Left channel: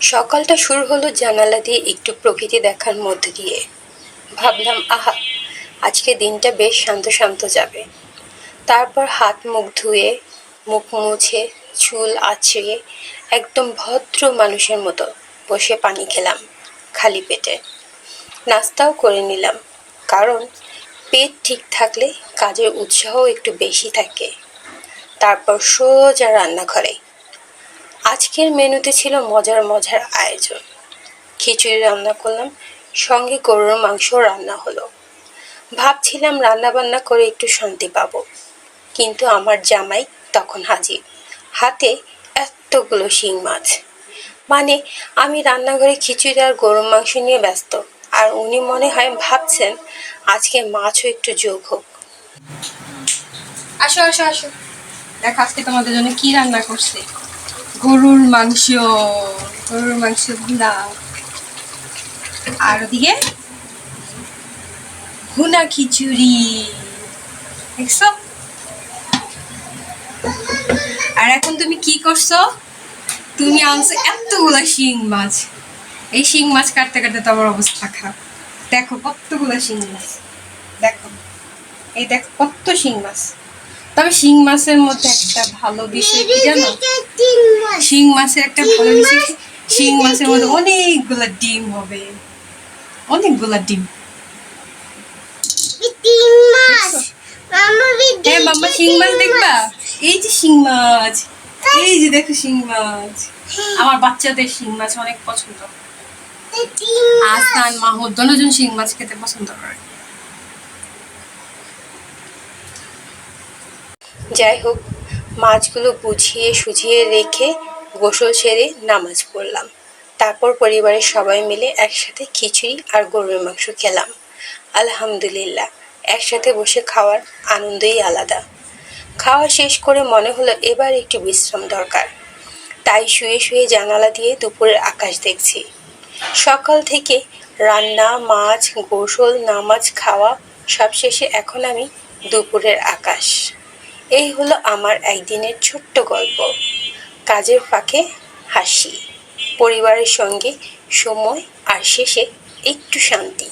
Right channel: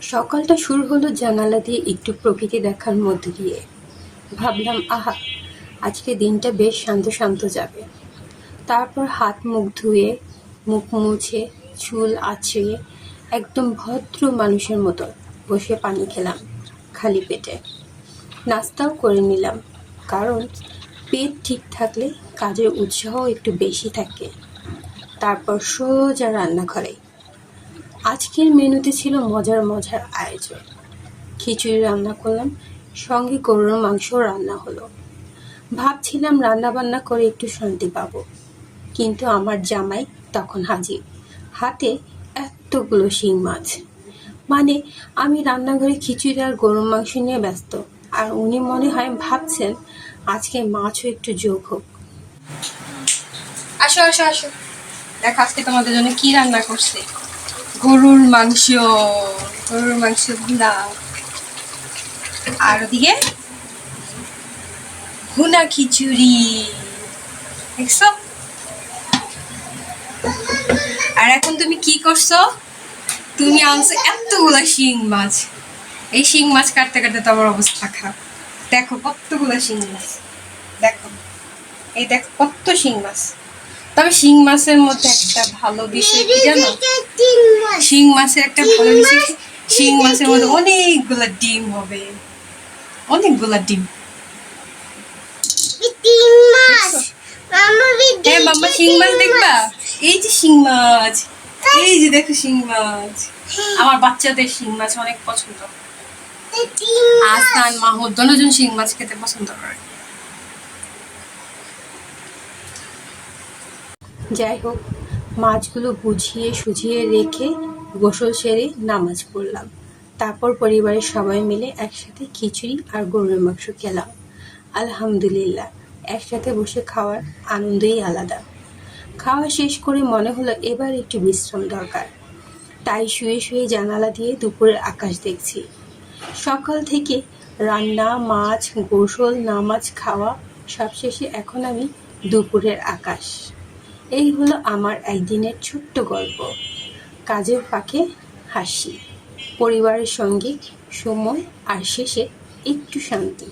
সকালটা শুরু হলো জানালা দিয়ে একটু প্রকৃতি দেখার মধ্য দিয়ে। ভাবলাম, আহা, আজকে দিনটা বেশ শান্ত শান্ত যাবে। তারপর হাত মুখ ধুয়ে, মুখ মুছে, চুল আঁচড়িয়ে একদম ভদ্র মানুষের মতো বসে পানি খেলাম খালি পেটে। নাস্তাও করে নিলাম, কারণ পেট ঠিক থাকলে কাজের উৎসাহ একটু বেশি থাকে। তারপর সোজা রান্নাঘরে। আজকের মেনুতে ছিল মজার মজার আয়োজন। খিচুড়ি রান্না করলাম, সঙ্গে গরুর মাংসও রান্না হলো। ভাবছিলাম রান্না বান্না করে একটু শান্তি পাবো, কিন্তু আমার জামাই তখন হাজির, হাতে এতগুলো শিং মাছ। মানে, আমি রান্নাঘরে খিচুড়ি আর গরুর মাংস নিয়ে ব্যস্ত, আর উনি মনে হয় ভাবছেন আজকে মাছও একটু যোগ হোক। আসো আসো আসো, দেখো আজকে তোমাদের জন্য কি রান্না করছে। গরুর মাংস, গরুর মাংস ভুনা, আর ওদিকে ভুনা খিচুড়ি, দেখছো? আর এখন তুমি কি করছো? তুমি আনছো এতগুলা শিং মাছ। এই শিং মাছ কাটতে কাটতে তো আমার অবস্থা খারাপ। দেখো কতগুলা শিং মাছ, দেখো, এই দেখো কত শিং মাছ। তবে শিং মাছের মধ্যে একটা ভালো বিষয় কি জানো? শিং মাছের একটা ভালো বিষয়, শিং মাছের মধ্যে অনেকগুলা ডিম হবে, অনেকগুলা ডিম। হ্যাঁ মাম্মা, শিং মাছ দেখবা? এই যে শিং মাছ, এই যে দেখো শিং মাছ। আমার বাচ্চাদের শিং মাছ অনেক পছন্দ। আসান মাহমুদ দুজন শিং মাছ খেতে পছন্দ করে। যাই হোক, মাছগুলো বুঝিয়ে সুঝিয়ে রেখে গোসল সেরে নামাজ পড়লাম। তারপর পরিবারের সবাই মিলে একসাথে খিচুড়ি আর গরুর মাংস খেলাম। আলহামদুলিল্লাহ, একসাথে বসে খাওয়ার আনন্দই আলাদা। খাওয়া শেষ করে মনে হলো এবার একটু বিশ্রাম দরকার। তাই শুয়ে শুয়ে জানালা দিয়ে দুপুরের আকাশ দেখছি। সকাল থেকে রান্না, মাছ, গোসল, নামাজ, খাওয়া সব শেষে এখন আমি দুপুরের আকাশ। এই হলো আমার একদিনের ছোট্ট গল্প। কাজের ফাঁকে হাসি, পরিবারের সঙ্গে সময়, আর শেষে একটু শান্তি।